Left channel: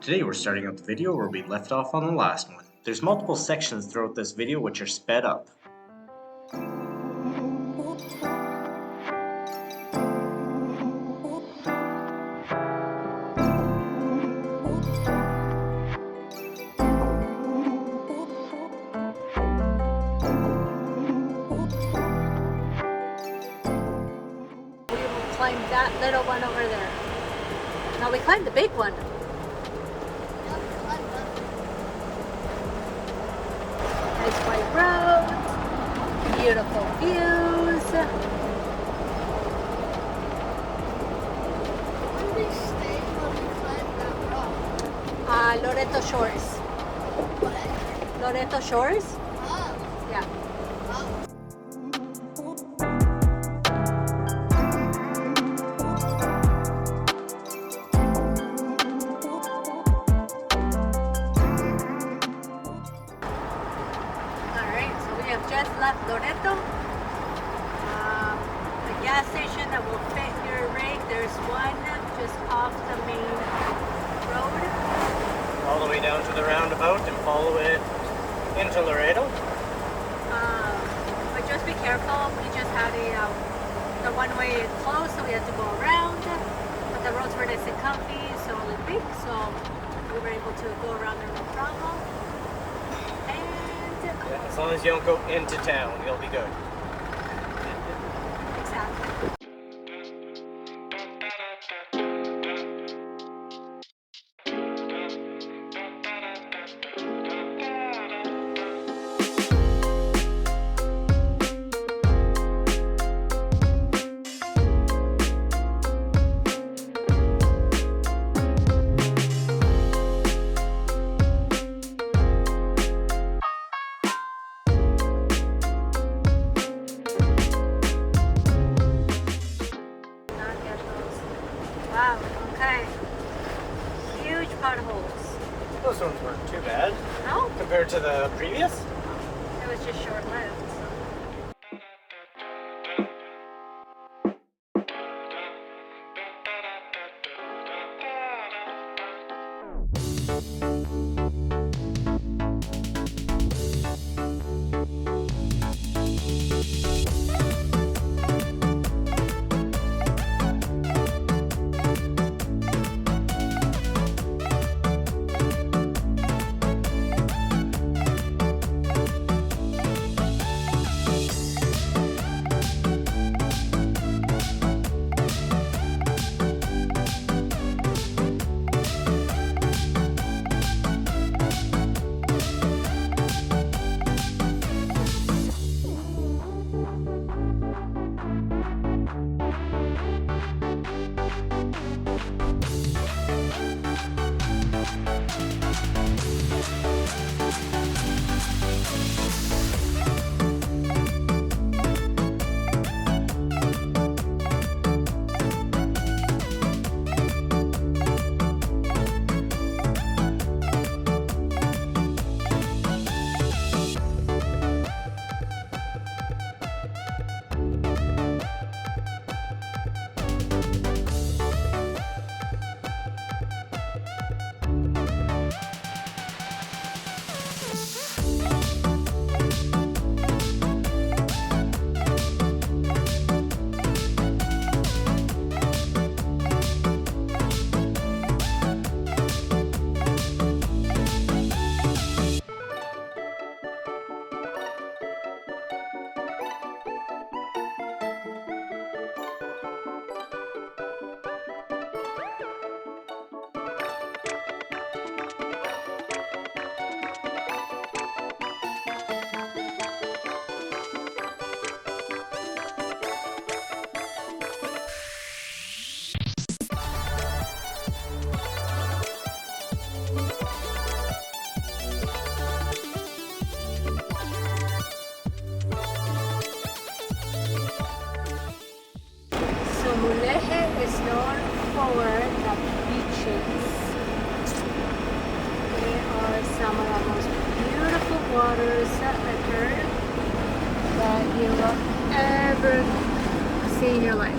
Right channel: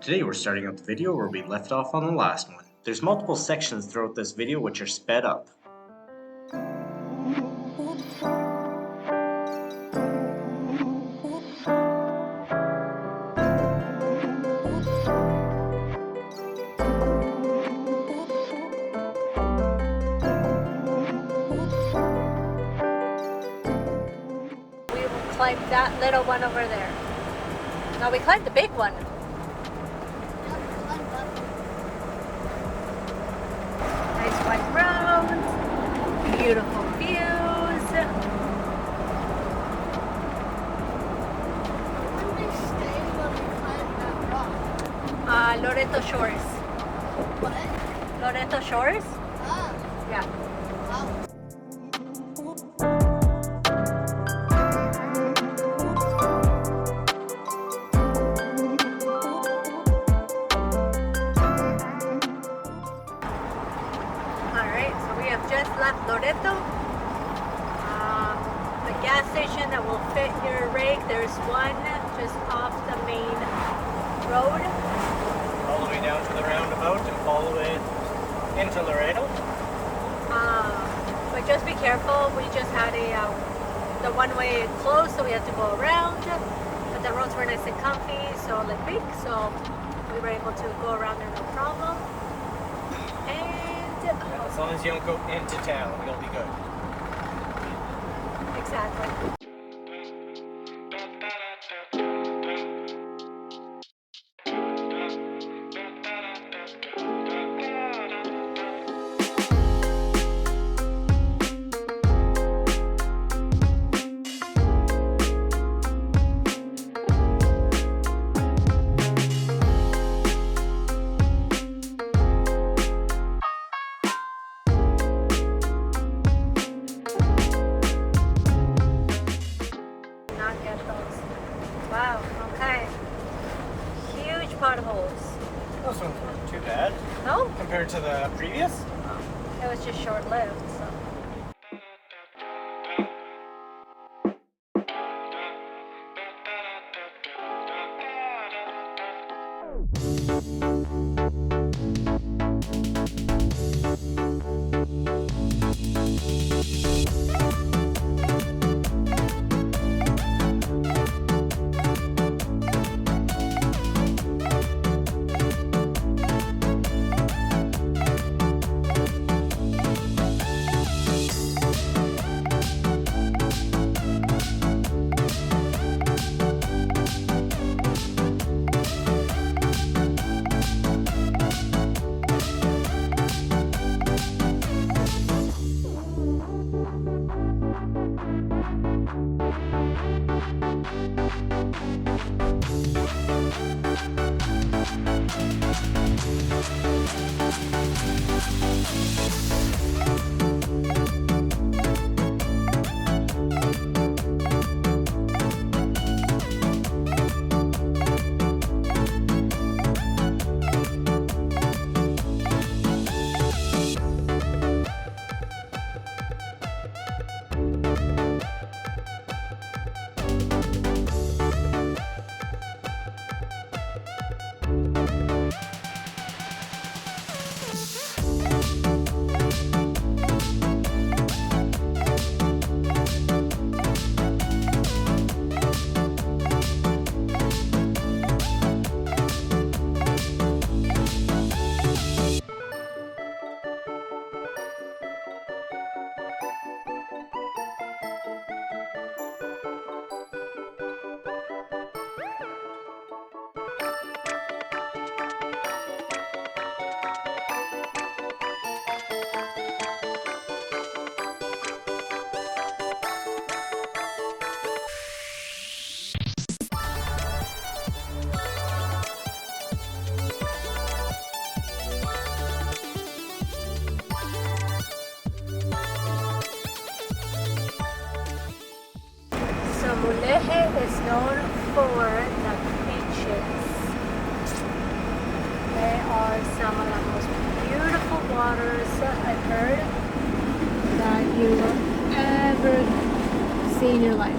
Today we're starting up the video where we left off on the last one. There's multiple sections throughout this video which are sped up. We climbed that little one over there. Now we climbed the big one. Nice white roads, beautiful views. Loreto Shores. Loreto Shores? Yeah. Just left Loreto. The gas station that will fit your rig, there's one just off the main road. All the way down to the roundabout and follow it into Laredo. But just be careful. We just had the one-way closed, so we had to go around. But the roads were nice and comfy, so like big, so we were able to go around there no problem. As long as you don't go into town, you'll be good. Exactly. Potholes. Those ones weren't too bad. No? Compared to the previous? It was just short-lived. for the beaches. They are some of the most beautiful waters I've heard that you will ever see in your life.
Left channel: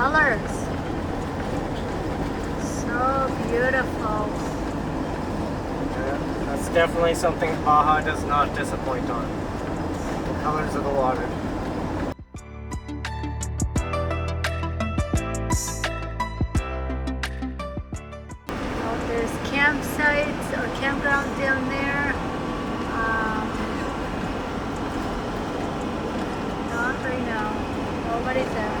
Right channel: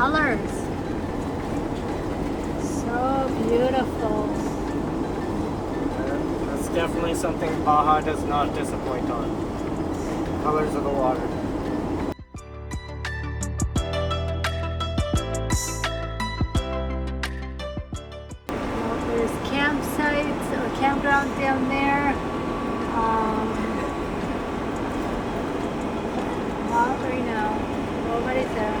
colors. So beautiful. That's definitely something Baja does not disappoint on. Colors of the water. There's campsites or campgrounds down there. Not right now. Nobody's there.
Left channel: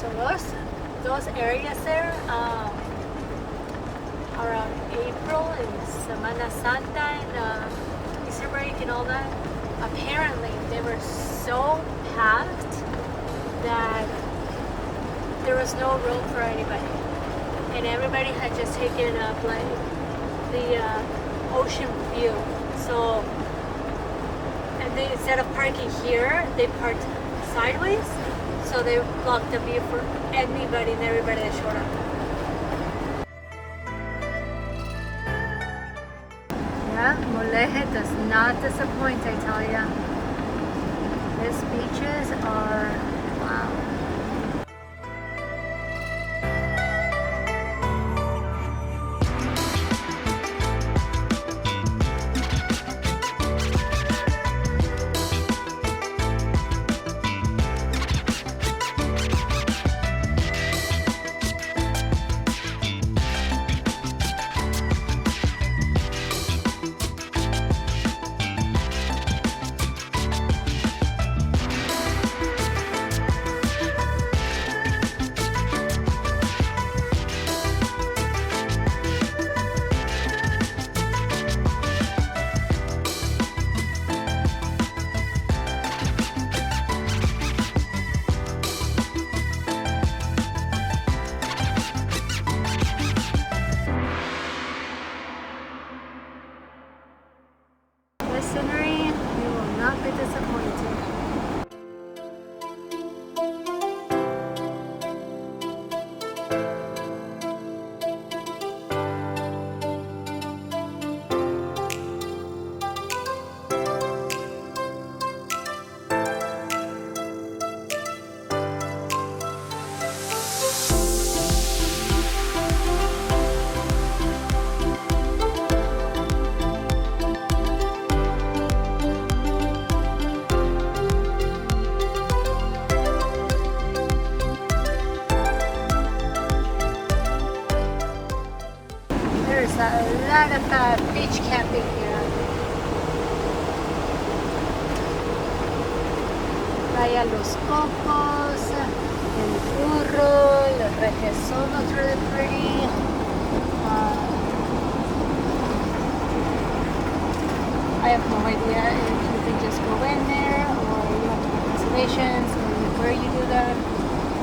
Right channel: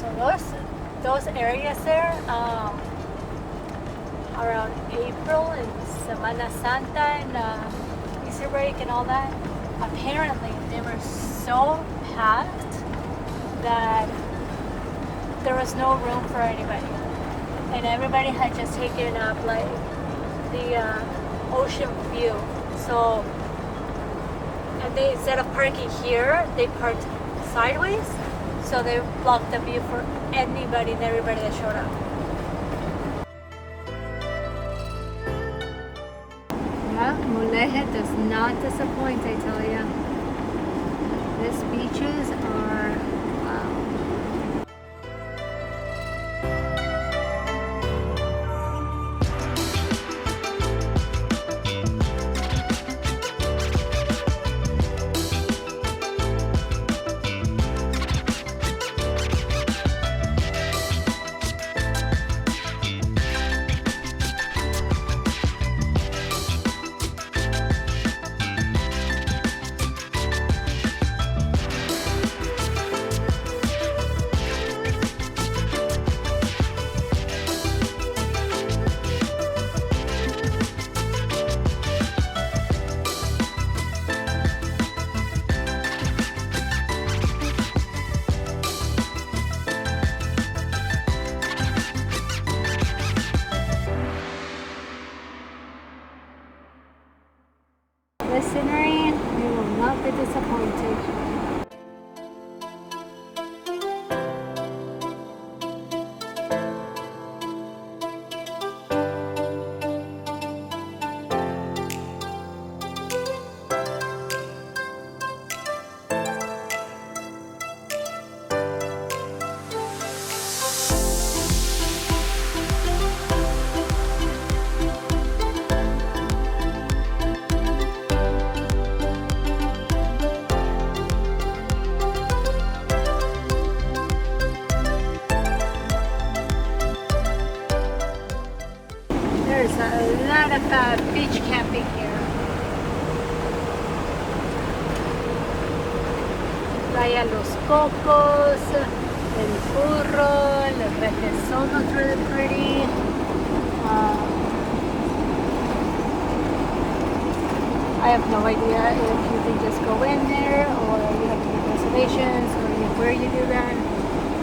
So those areas there, around April and Semana Santa and Easter break and all that, apparently they were so packed that there was no room for anybody. And everybody had just taken up like the ocean view. So, and they, instead of parking here, they parked sideways. So they blocked the view for anybody and everybody that showed up. Yeah, Moleje does not disappoint, I tell ya. These beaches are, wow. This scenery, you will not be disappointed. There's a lot of beach camping here. Playa Los Cocos, El Burro, El Requesón looks really pretty. I have no idea if you can just go in there or you have to make reservations or where you do that.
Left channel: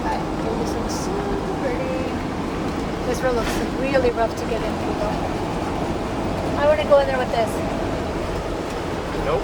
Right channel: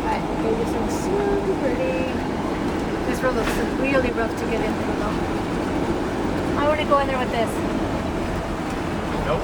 But it just looks super pretty. This road looks really rough to get into though. I want to go in there with this. Nope.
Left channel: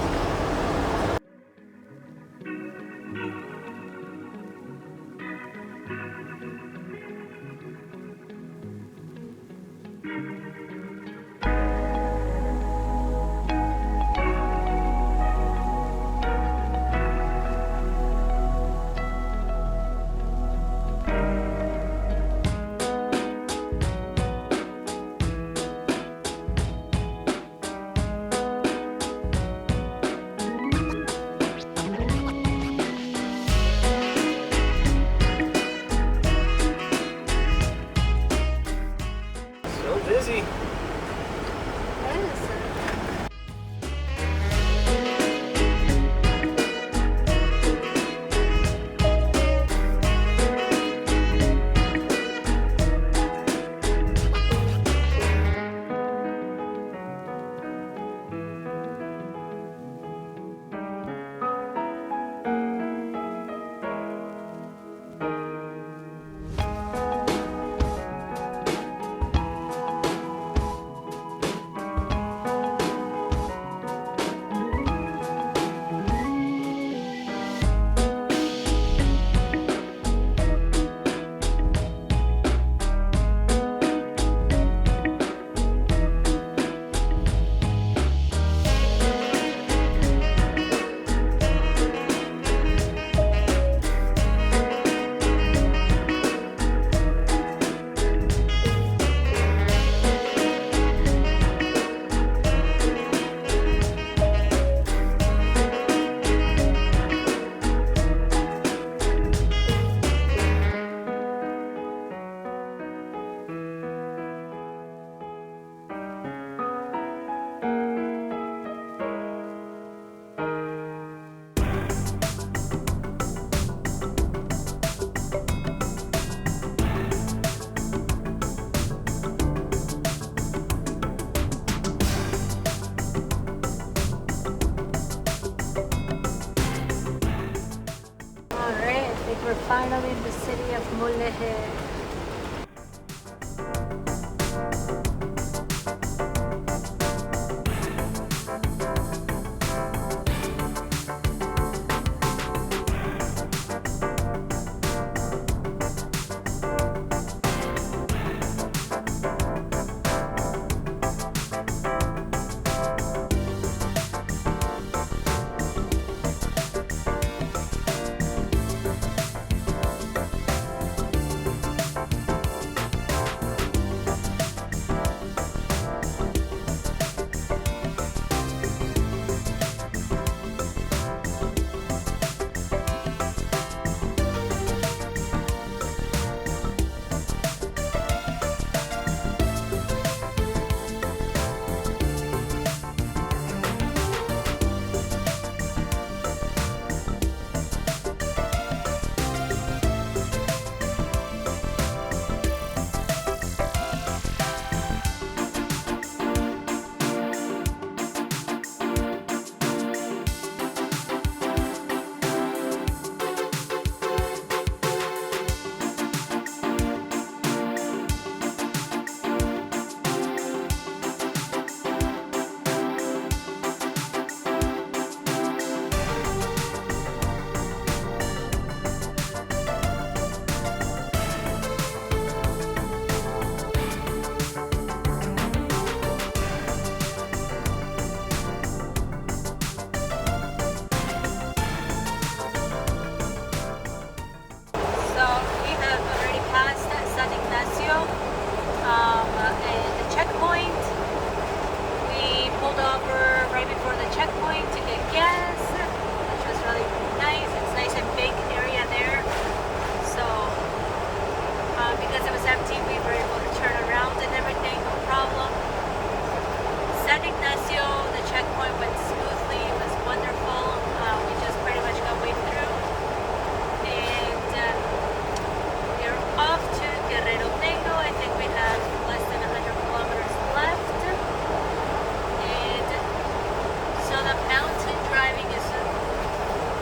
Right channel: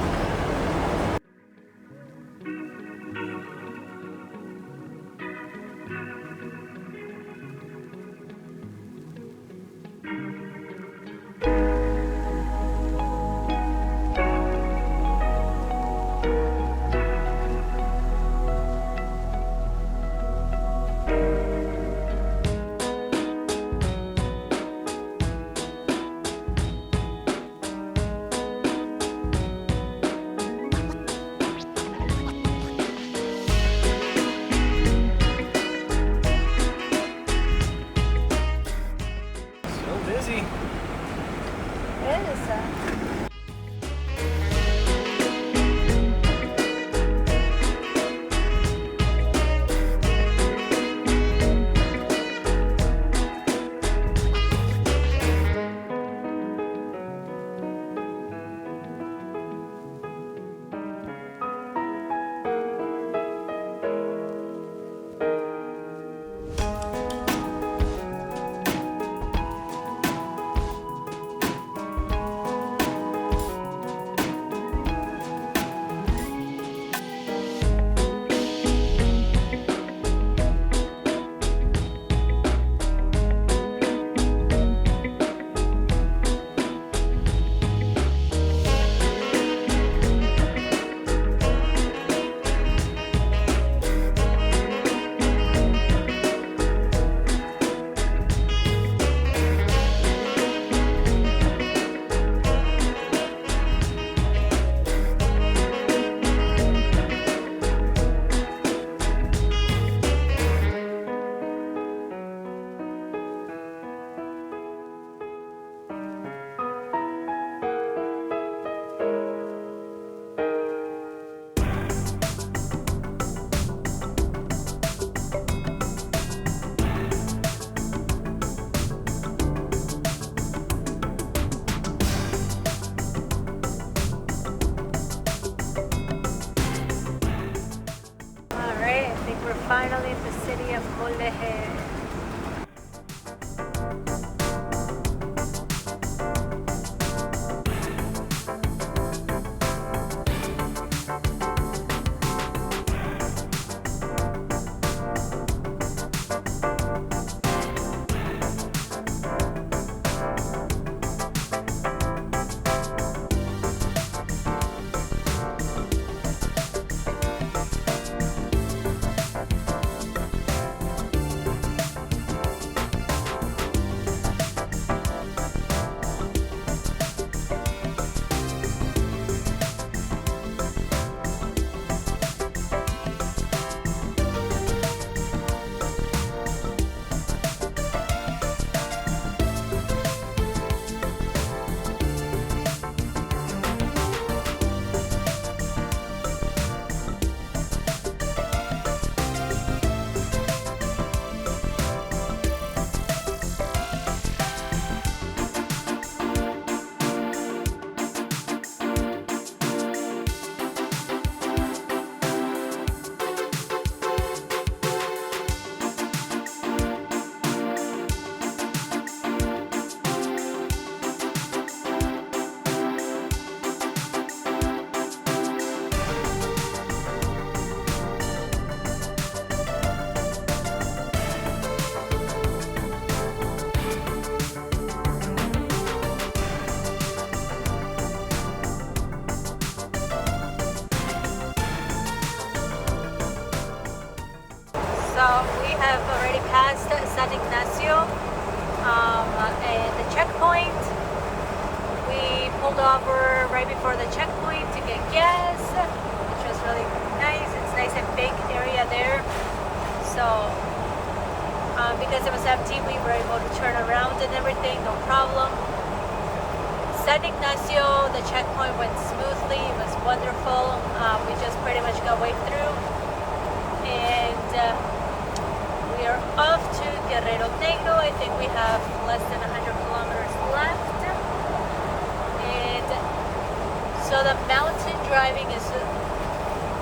driving is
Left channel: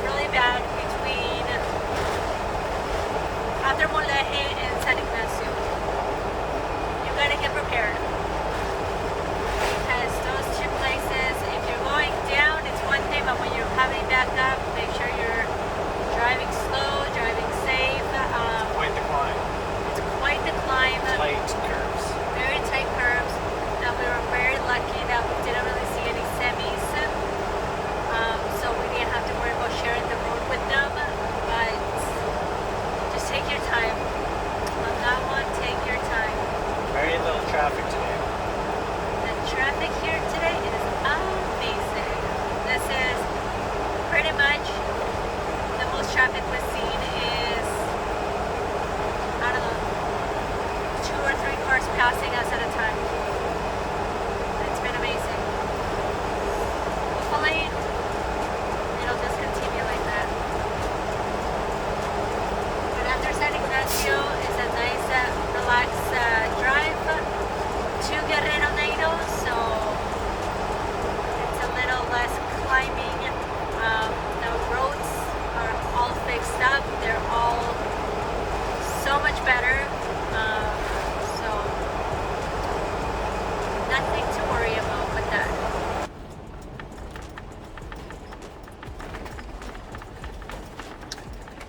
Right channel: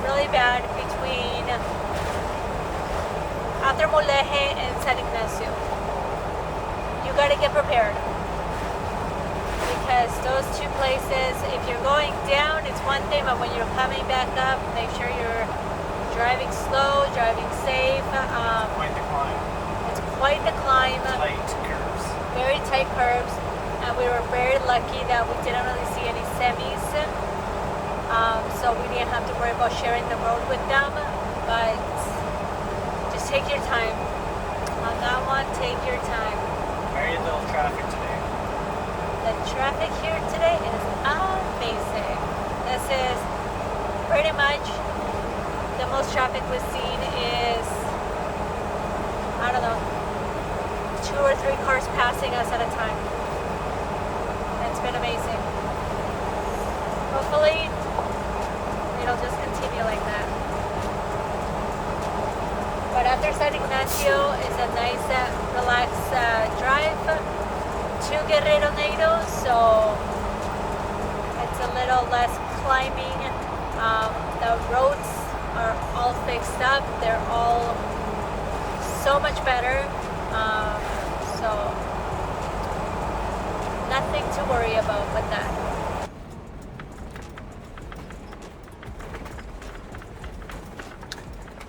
really bad between Atramuleje and San Ignacio. You gotta get prepared. Because those two places, if you're going down, it's one thing, but when you're coming back up, make sure you're driving slow, driving safe. Quite the climb. It's quite the climb. Tight curves. Very tight curves. And we were very lucky that we didn't really see any semis. So we didn't have to worry about sharing the road with them. But just take your time. On that one, take your time. Very little traffic today. The traffic here today is amazing. This is pretty much the most traffic we've seen is, I don't know, 2 or 3 cars passing us at a time. It's been amazing. Hopefully, it'll just continue like that. But after San Ignacio, it's a nice, relaxed drive to Guerrero Nato, so it's a little less climbing. The roads are all fixed up. They're all so much better. So nothing to worry about with that.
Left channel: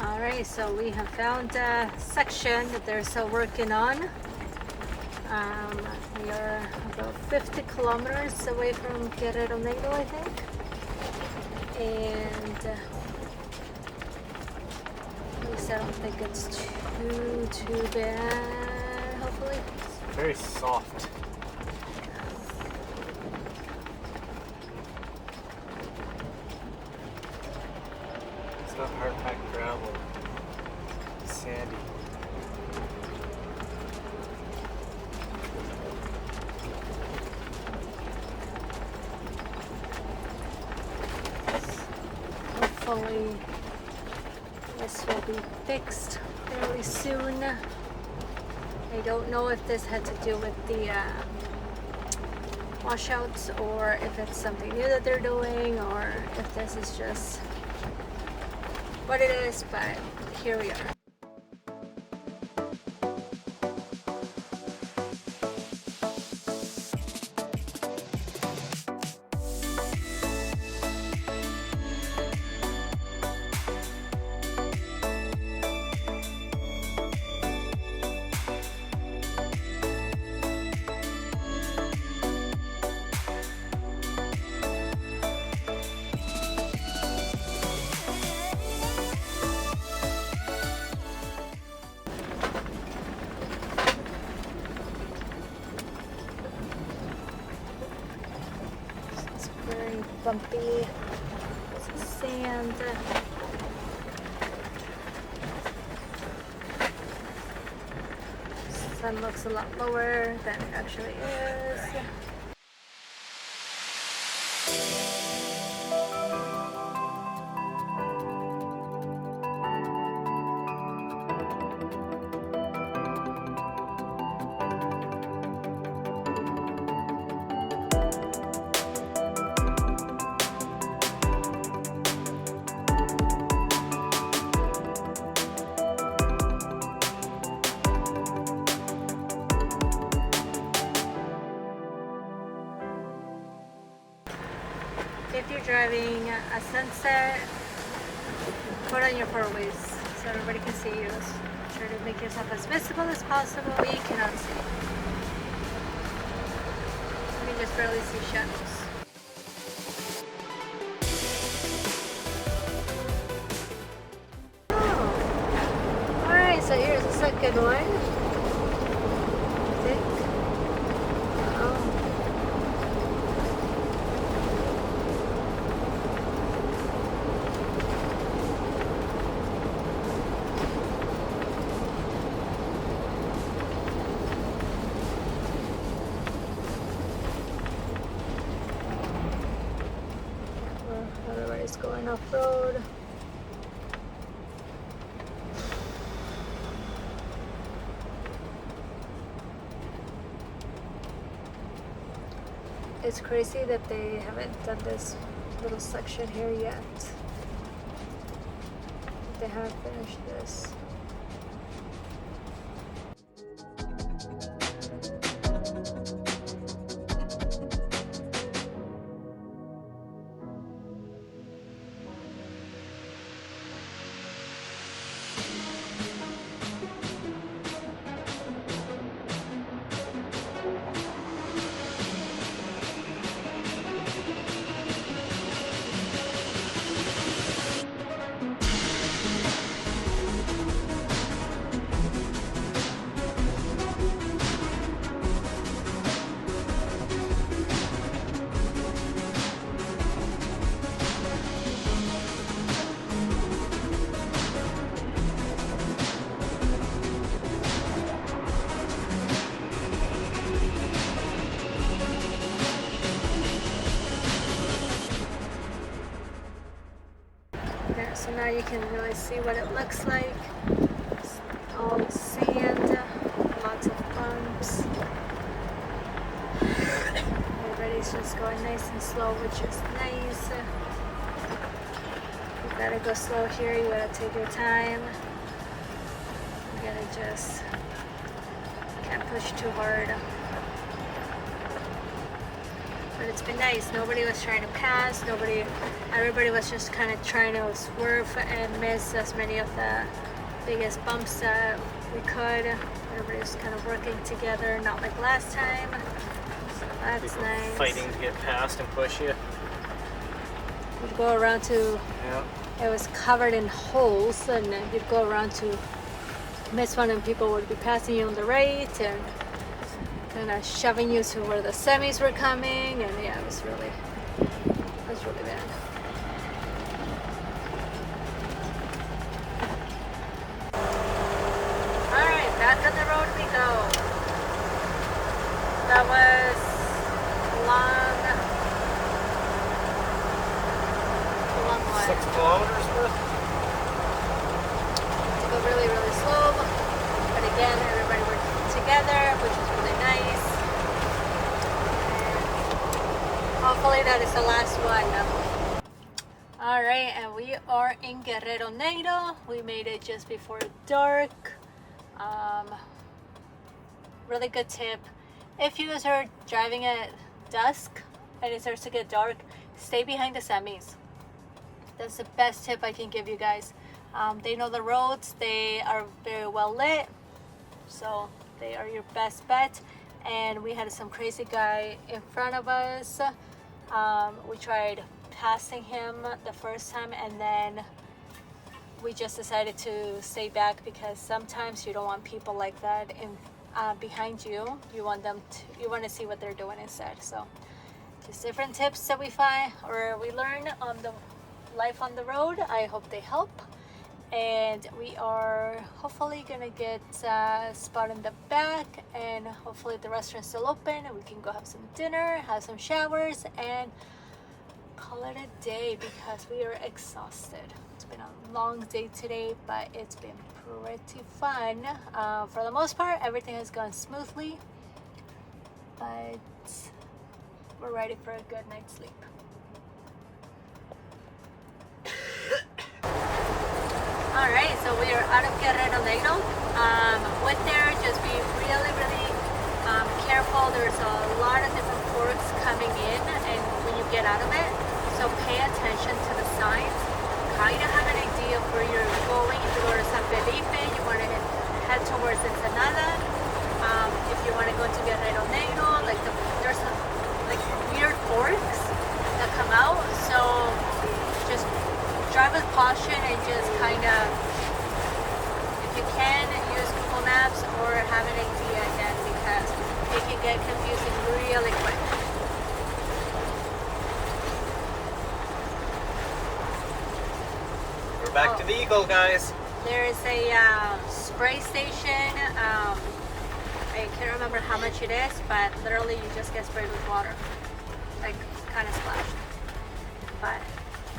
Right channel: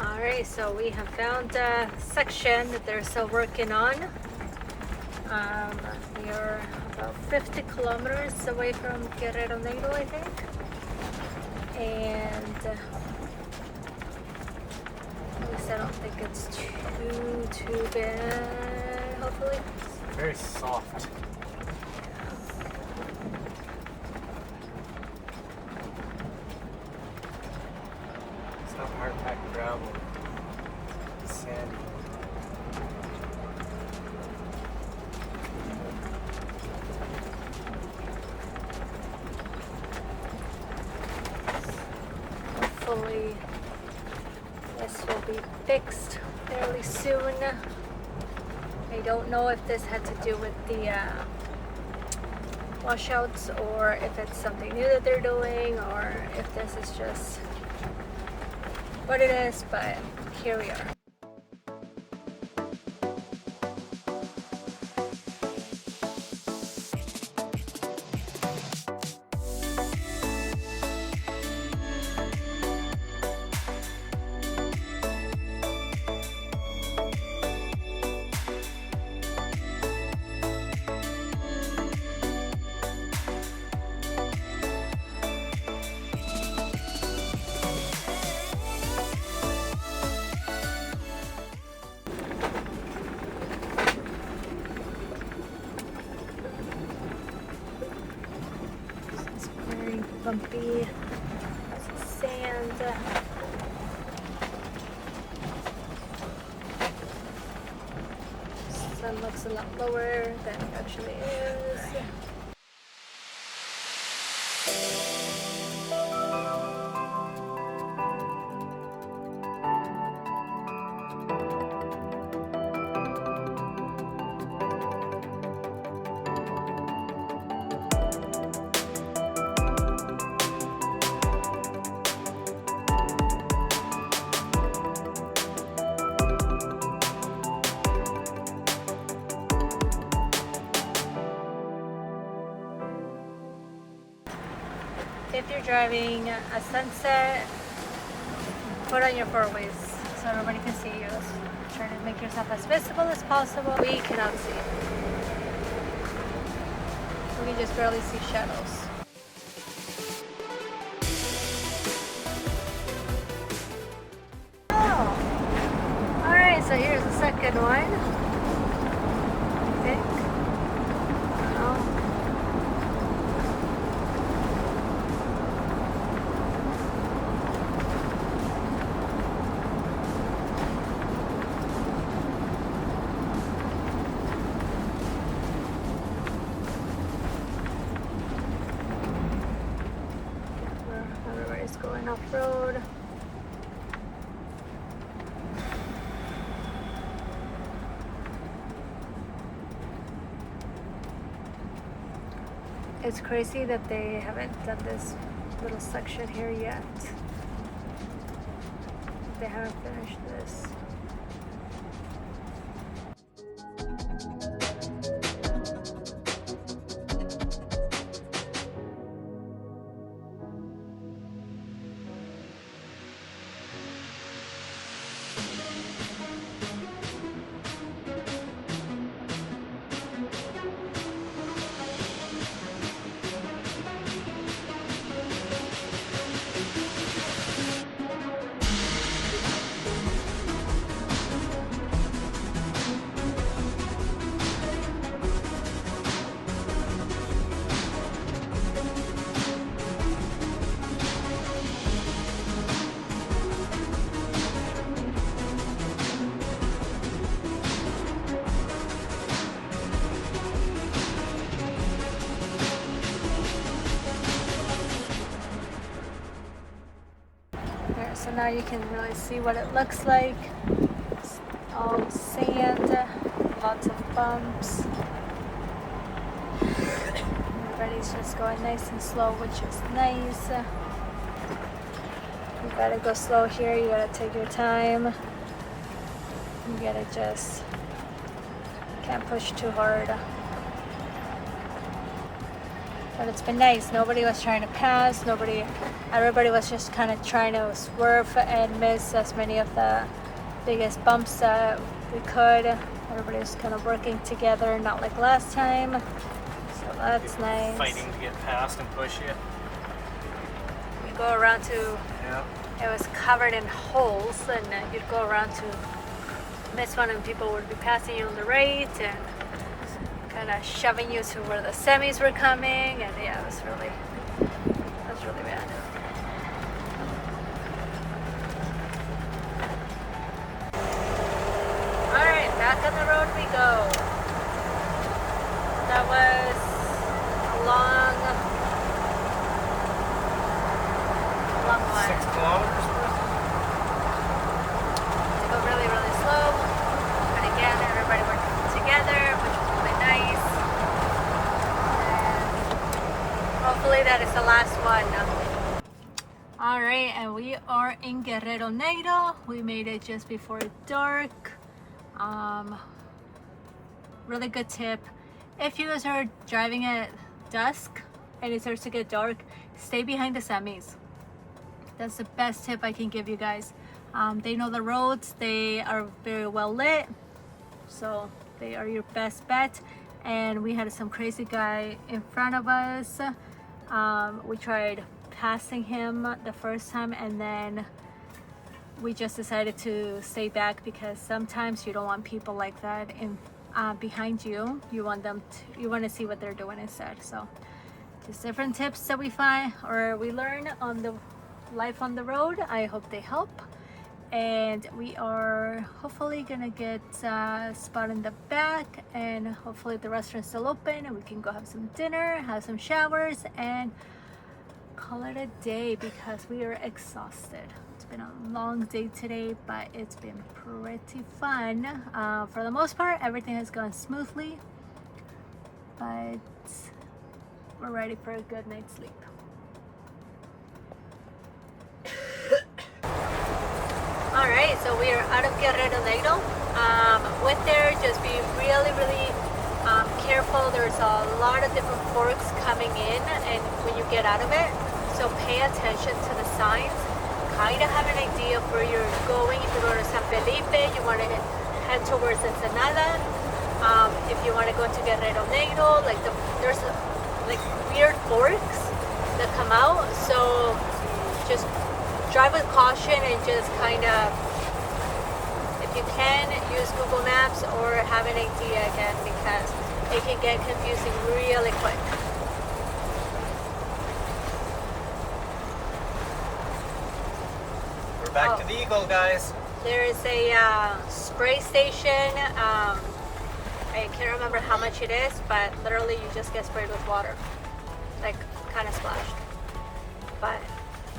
Alright, so we have found a section that they're still working on. We are about 50 kilometers away from Guerrero Nato, I think. And at least I don't think it's too bad, hopefully. It's very soft. It's not hard packed gravel. It's sandy. Hopefully this will be fixed fairly soon. I don't know if this had to do with the washouts or if it's something new that they're doing or if this is just what it is, but here we are. Bumpy sand. Sun looks a lot lower than it actually is. If you're driving a sunset, put on your four-ways so everybody can see you. Try to make yourself as visible as possible. We cannot see. We can just barely see shadows. Oh! Alright, so here's the second one. I think. Going off-road. It's crazy that they haven't done this little section here yet. They haven't finished this. There, so now you can really see what it looks like. It's all sand, lots of bumps. Everybody's just going nice and slow, which is nice. You gotta go slow here, you gotta take your time. You gotta just, can't push too hard. But it's been nice. Nobody was trying to pass. Everybody was just kind of trying to swerve and miss as many of the biggest bumps that we could. Everybody was kind of working together, not like last time. So that's nice. Fighting to get past and push you. You'd go around to, it was covered in holes, and you'd go around to miss one, and people would be passing you on the right and kind of shoving you to where the semis were coming, and yeah, it was really bad. All right, back on the road we go. That was a long one. 6 kilometers worth. Go really, really slow. But again, everybody working together, which was really nice. And hopefully that is the last one. All right, and we are in Guerrero Negro. We made it just before dark. Really good tip. If you guys are driving at dusk and it starts to get dark, stay behind the semis. That's the best tip I can give you guys. They know the roads, they are very well lit, so they are your best bet. And we had some crazy guy in front of us. We tried passing him the first time, and then we just decided to stay back because sometimes you don't want people like that in behind you. You want to see what they're doing instead. So just different tips that we find or we learn on the life on the road. I hope they help. And we are hopefully gonna get a spot in the back, and hopefully the restaurant's still open and we can go have some dinner, have some showers, and call it a day because we are exhausted. It's been a long day today, but it's been pretty fun. For the most part, everything has gone smoothly, but we're ready for a good night's sleep. All right, so we are out of Guerrero Negro. With there, just be really careful. There's a lot of different forks coming in, and when you get out of it, so pay attention to the signs. Kind of have an idea of where you're going. If you go to San Felipe, you want to head towards Ensenada. If you want to go to Guerrero Negro, there's weird forks that come out. So just drive with caution and just kind of, if you can, use Google Maps or have an idea again, because it can get confusing really quick. We're back to the Eagle, guys. There is a spray station. I can't remember how much it is, but literally you just get sprayed with water, like kind of splashed. But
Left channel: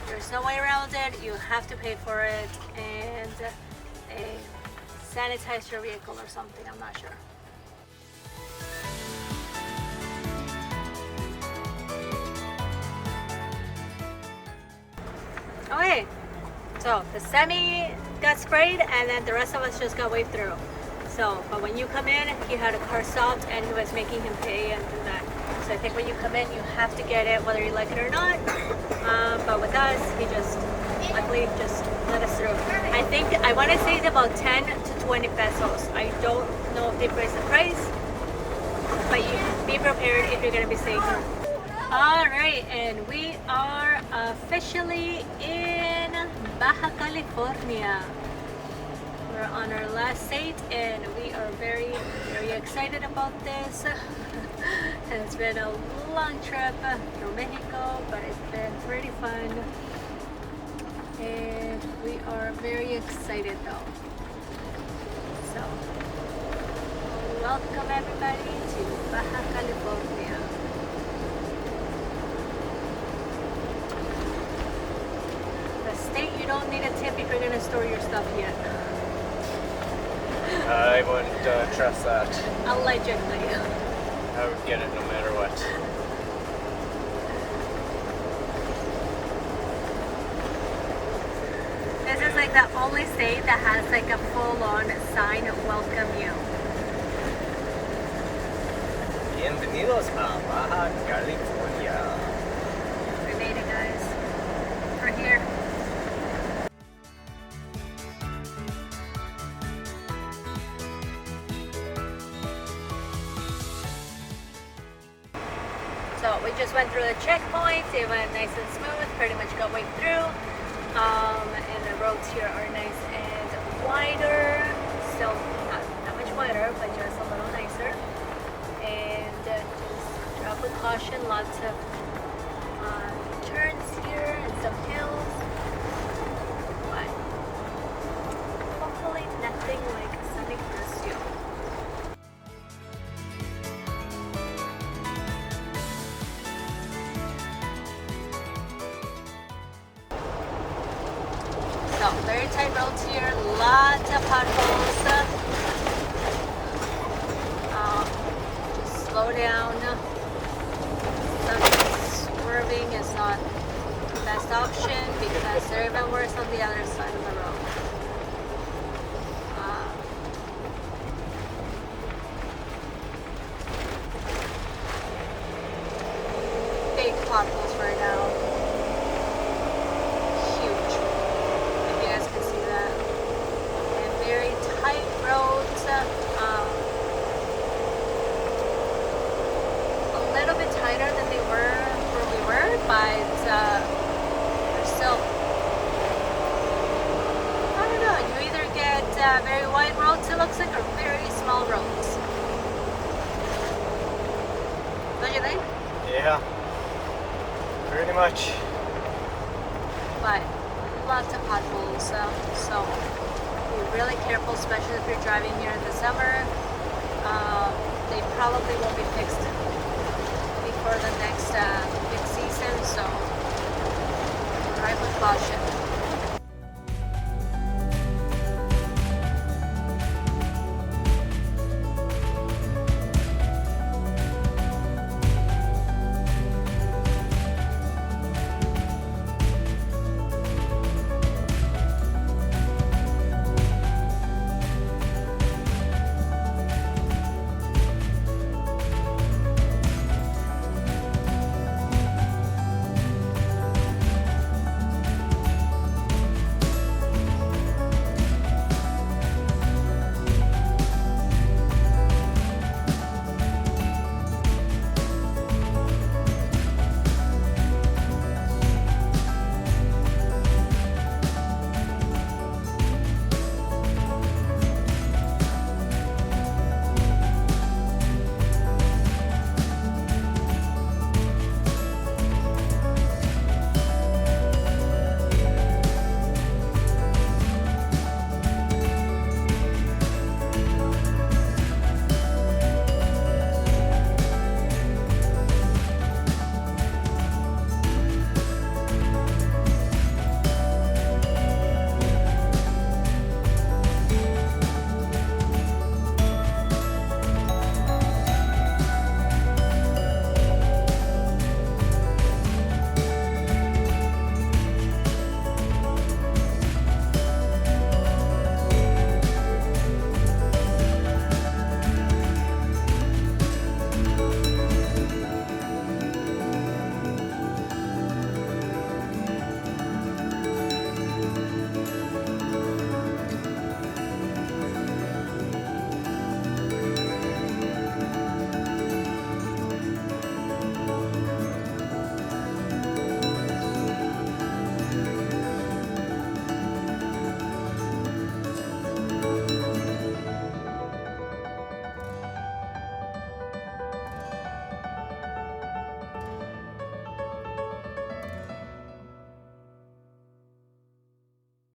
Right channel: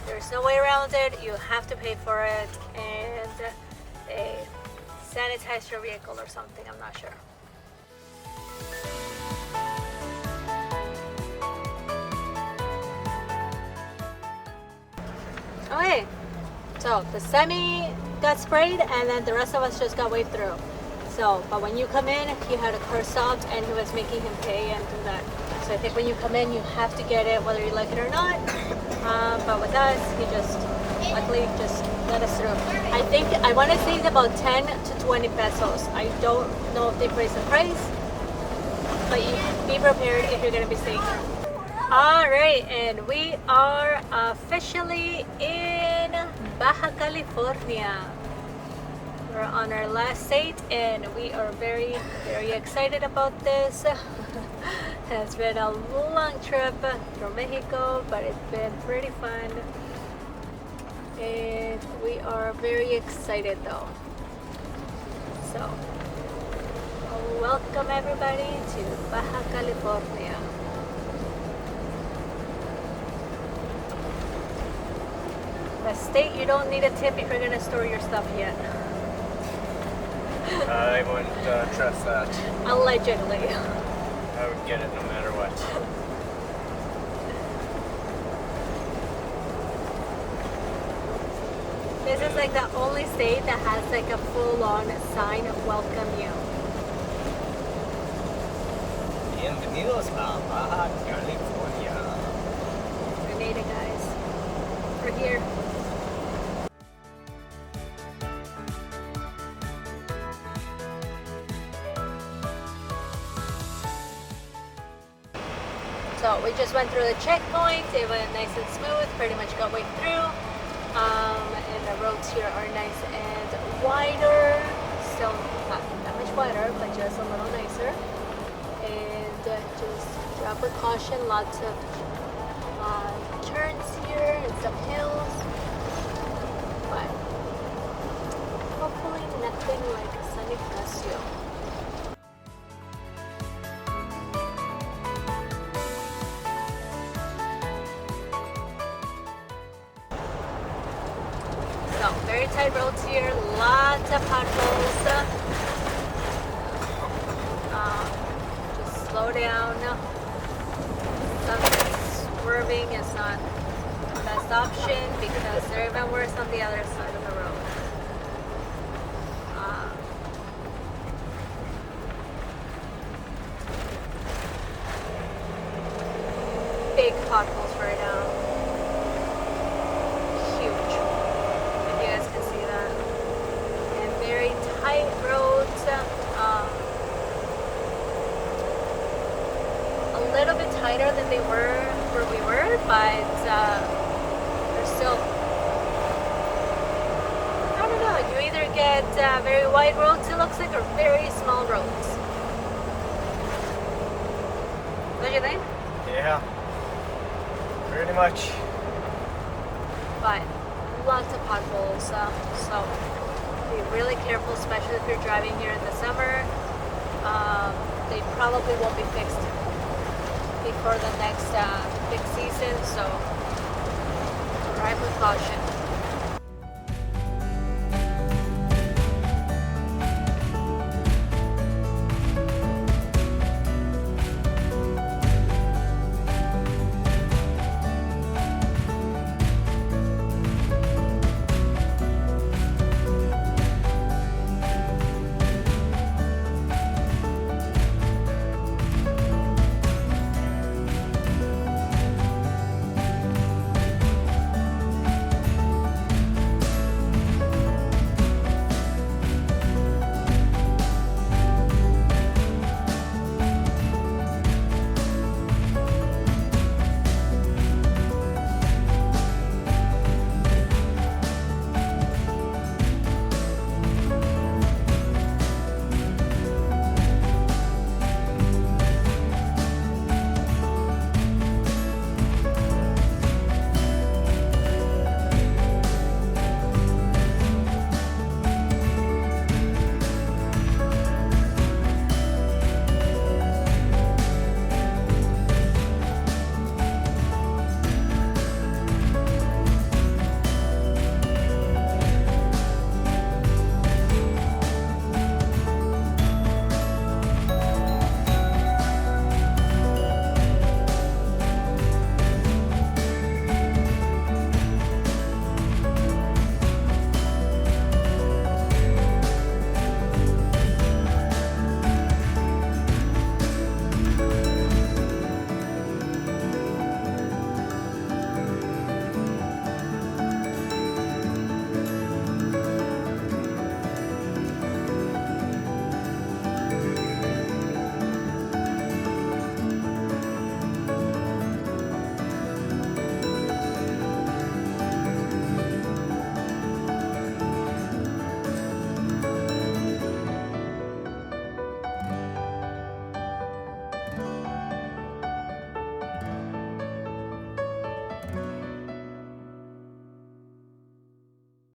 there's no way around it. You have to pay for it, and they sanitize your vehicle or something. I'm not sure. Okay, so the semi got sprayed and then the rest of us just got waved through. So, but when you come in, he had a car stopped and he was making him pay and do that. So I think when you come in, you have to get it whether you like it or not. But with us, he just luckily just let us through. I think, I want to say it's about 10 to 20 pesos. I don't know if they raised the price, but you be prepared if you're going to be staying here. Alright, and we are officially in Baja California. We're on our last date and we are very, very excited about this. It's been a long trip from Mexico, but it's been pretty fun. And we are very excited though. So, welcome everybody to Baja California. The state you don't need a tip if you're gonna store your stuff yet. I wouldn't trust that. Allegedly. I would get it no matter what. This is like the only state that has like a full-on sign of welcome you. Bienvenidos a Baja California. We made it, guys. We're here. So we just went through the checkpoint. It went nice and smooth. Pretty much got way through. And the roads here are nice and wider. Still not that much wider, but just a little nicer. And just drive with caution. Lots of turns here and some hills. But hopefully nothing like San Ignacio. So, very tight roads here, lots of potholes. Just slow down. Sometimes swerving is not the best option because they're even worse on the other side of the road. Big potholes right now. Huge. If you guys can see that. And very tight roads. A little bit tighter than they were where we were, but we're still, I don't know, you either get very wide roads, it looks like, or very small roads. Don't you think? Yeah. Pretty much. But lots of potholes, so be really careful, especially if you're driving here in the summer. They probably won't be fixed before the next big season, so drive with caution.